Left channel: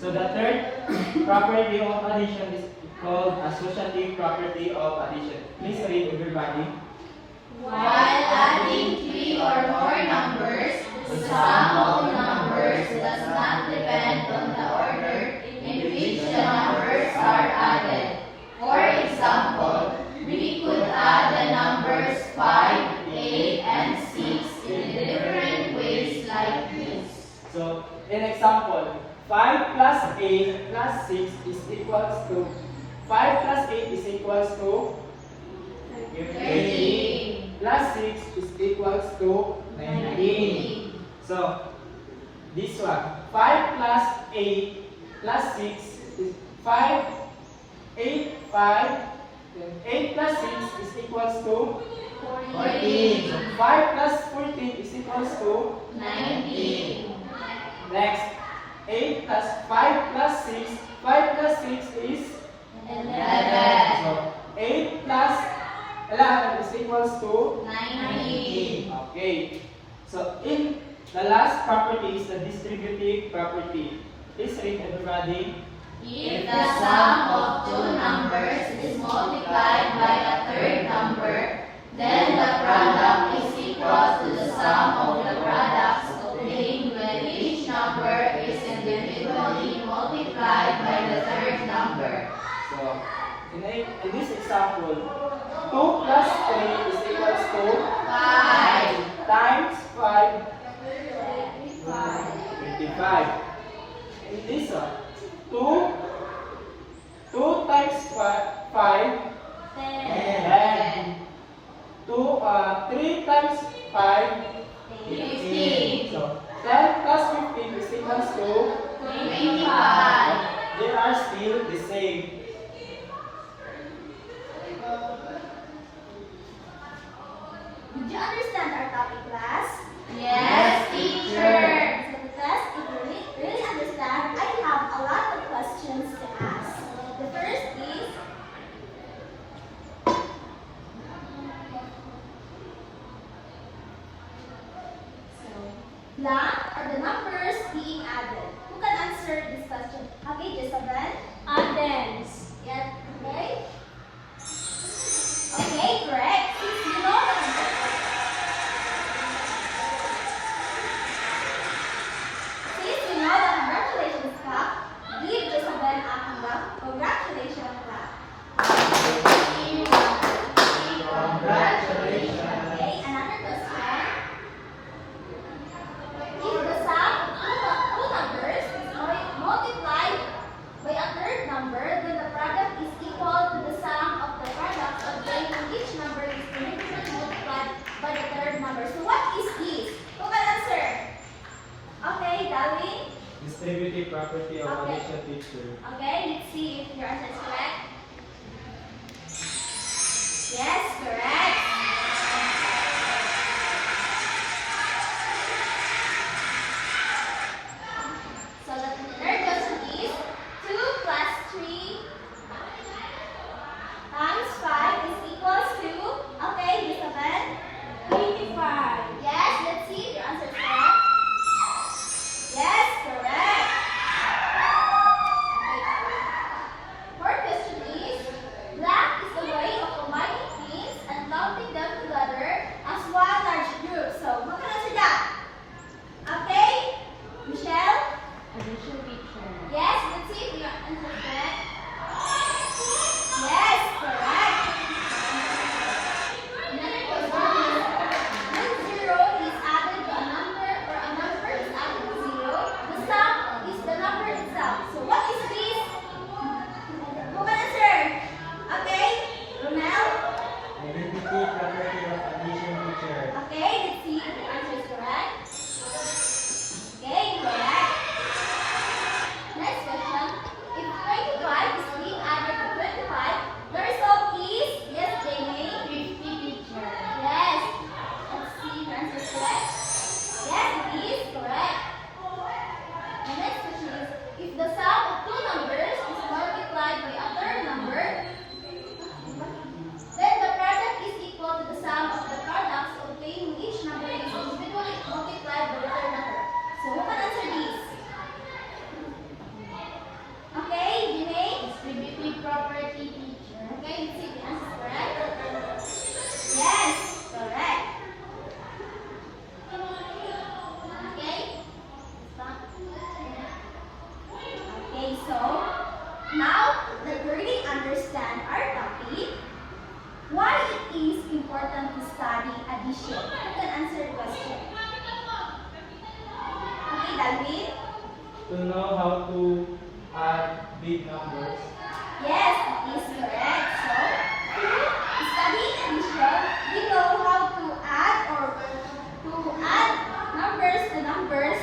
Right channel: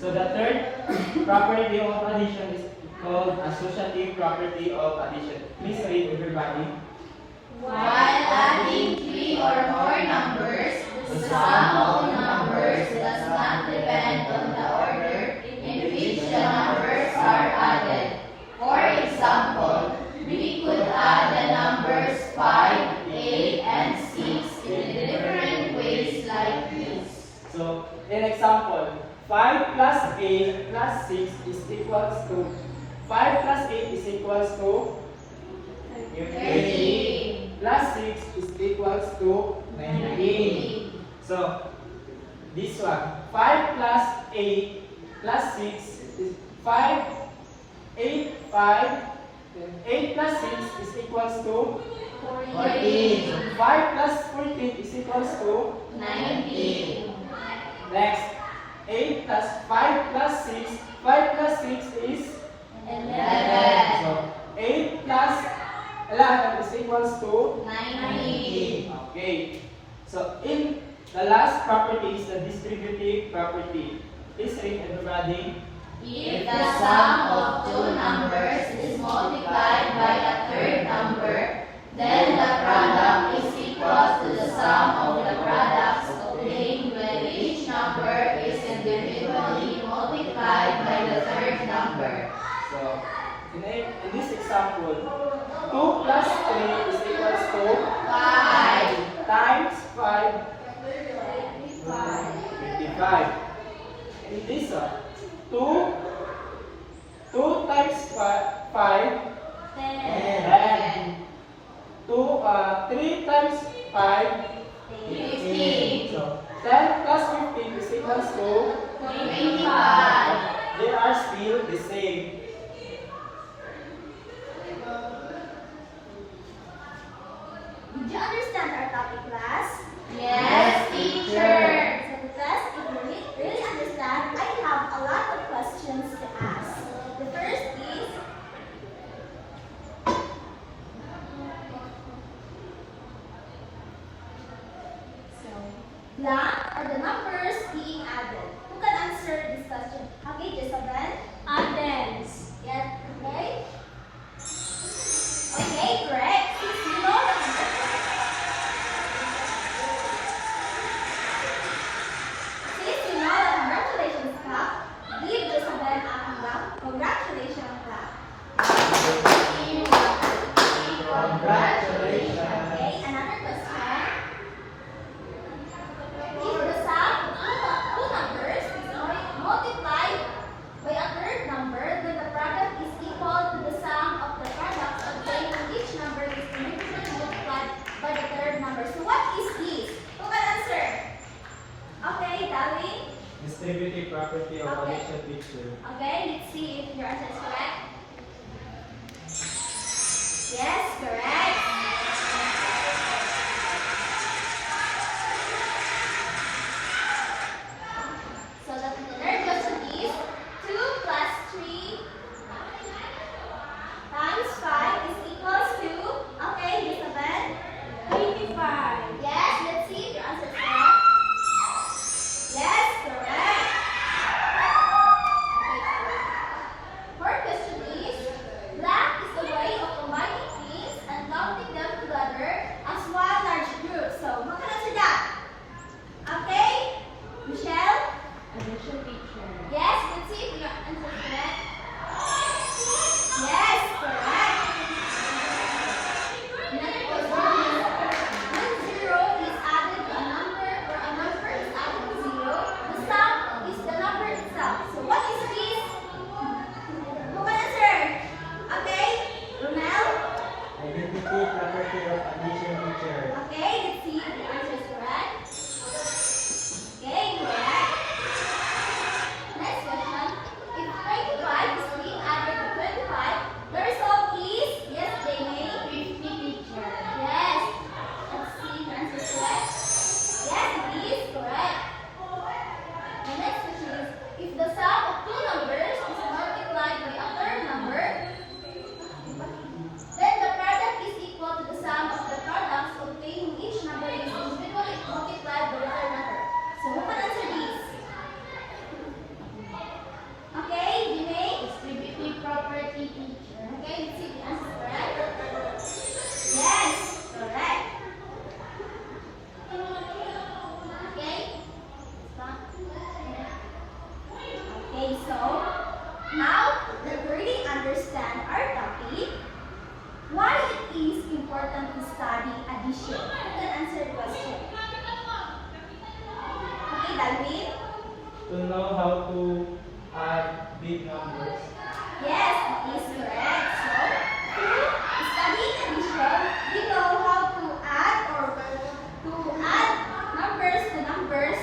So the third property of addition is called associative property of addition. Please read, everybody. While adding three or more numbers, the sum of the numbers does not depend on the order in which the numbers are added. For example, we could add the numbers 5, 8, and 6 in different ways like this. So, in example, 5 plus 8 plus 6 is equals to 5 plus 8 is equals to 30. plus 6 is equals to 19. So, this one, 5 plus 8 plus 6 is 5, 8, 5, 8 plus 6 is equals to 14. 5 plus 14 is equals to 19. next. 8 plus 5 plus 6, 5 plus 6 is 11. so 8 plus 11 is equals to 19. Okay. So in the last property is the distributive property. Please read, everybody. If the sum of two numbers is multiplied by a third number, then the product is equal to the sum of the products obtained when each number is individually multiplied by the third number. So in this example, 2 plus 3 is equals to 5. times 5, 5. 55. It is 2 times 5, 10. 3 times 5, 15. So 10 plus 15 is equals to 25. they are still the same. Did you understand our topic, class? Yes, teacher. So, class, if you really understand, I have a lot of questions to ask. The first is, blank are the numbers being added. Who can answer this question? Okay, Jezabel? Addends. Yes, okay? Okay, correct. Since you know the answer. Since you know the congratulations clap, give Jezabel a congratulations clap. Congratulations. Okay, another question. If the sum of two numbers is multiplied by a third number, then the product is equal to the sum of the products obtained when each number is individually multiplied by the third number. So what is this? Who can answer? Okay, Darwin. Distributive property of addition, teacher. Okay, let's see if your answer is correct. Yes, correct. So the third question is 2 plus 3 times 5 is equals to, okay, Elizabeth? 25. Yes, let's see if your answer is correct. Yes, correct. Fourth question is, blank is the way of combining things and counting them together as one large group. So, who can answer that? Okay, Michelle? Yes, let's see if your answer is correct. Yes, correct. Another question is, when zero is added to a number or a number is added to zero, the sum is the number itself. So what is this? Who can answer? Okay, Romel? Identity property of addition, teacher. Okay, let's see if the answer is correct. Okay, correct. Next question. If 25 Calvin? To know how to add big numbers. Yes, that is correct. So, through studying addition, we know how to add numbers to numbers